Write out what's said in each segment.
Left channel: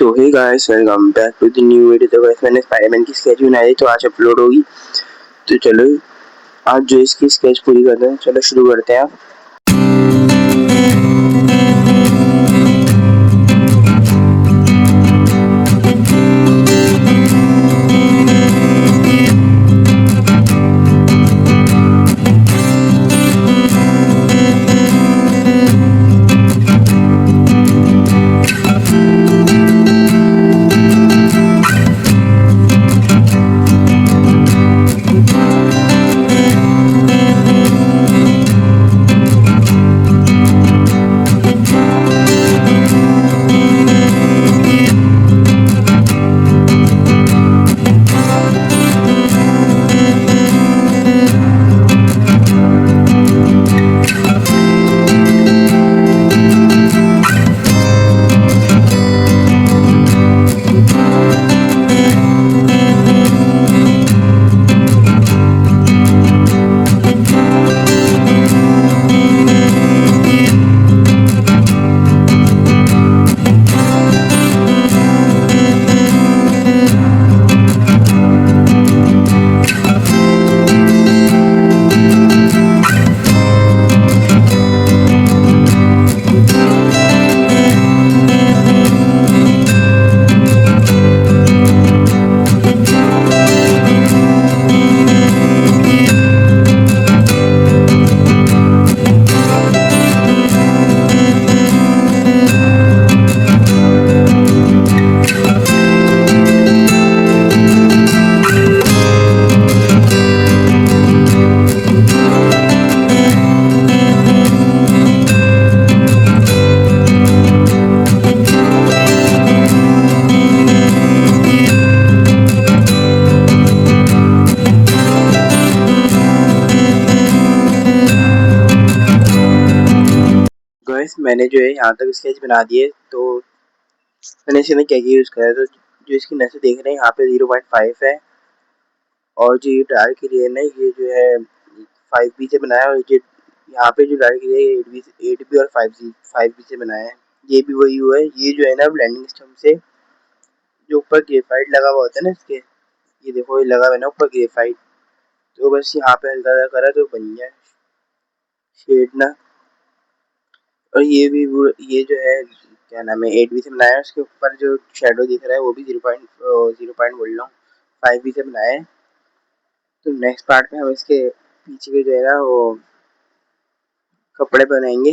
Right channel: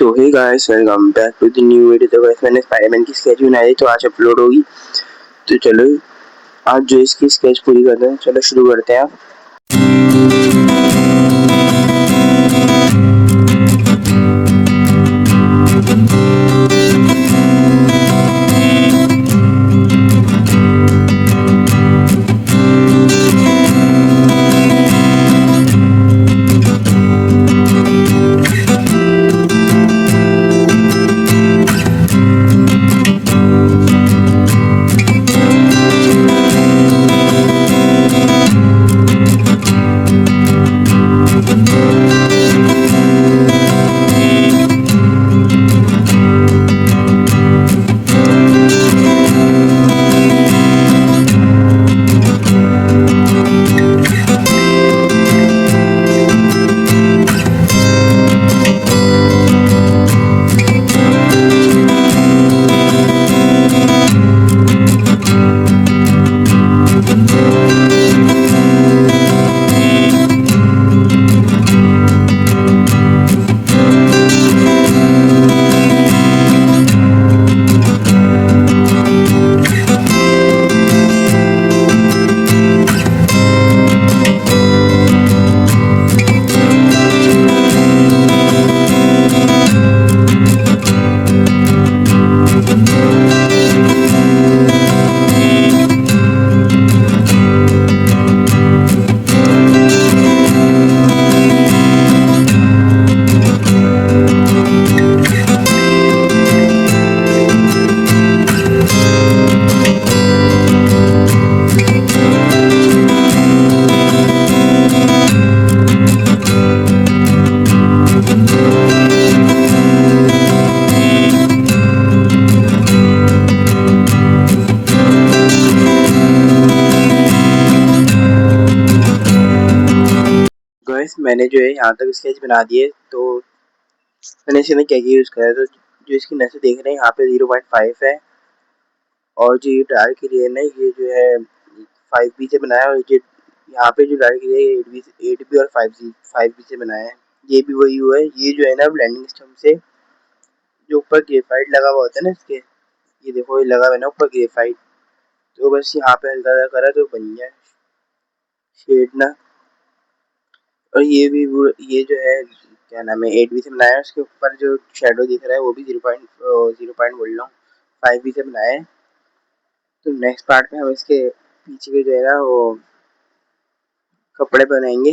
तो hey guys, welcome back to the new video. तो guys मैंने स्पाइडरमैन की स्केच बनाई तो आज अपलोड होगी। तो चलो आज जो इसकी स्केच पूरी करते हैं, चलो शुरू करते हैं। गाइस मैंने जो है यहाँ तक स्केच बना दिए। तो मैंने इसमें क्या क्या यूज़ करा है, तो जो इसकी नसें देख रहे हैं यहाँ पे 0.5 है, और जो ये डार्क एरिया है ये जो है 5B से बनाया है, और ये यहाँ पे जो डार्क एरिया है 8B और 5B से बनाया है। ये भी वही हुआ है। ये जो है ना ब्लेंडिंग सिस्टम से जो ऊपर ग्रेफाइट लगा हुआ होता है ना इसके, ये देखो ये लगा हुआ है ना ऊपर ग्रेफाइट, तो बस यहाँ पे हल्का सा करा तो बन गया शेड ना। और ये जो है क्या नाम है 8B से बनाया है। उसके ऊपर जो शेडो दिख रहा है वो भी 0.0 बोल रहा हूँ 5B से बनाया है। तो नेक्स्ट पार्ट में हम इसके पीछे के जो है ना वो कपड़े बनाएंगे।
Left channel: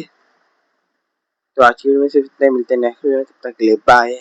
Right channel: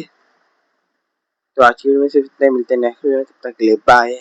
तो आज की वीडियो में सिर्फ इतना ही, मिलते हैं नेक्स्ट वीडियो में, तब तक के लिए बाय।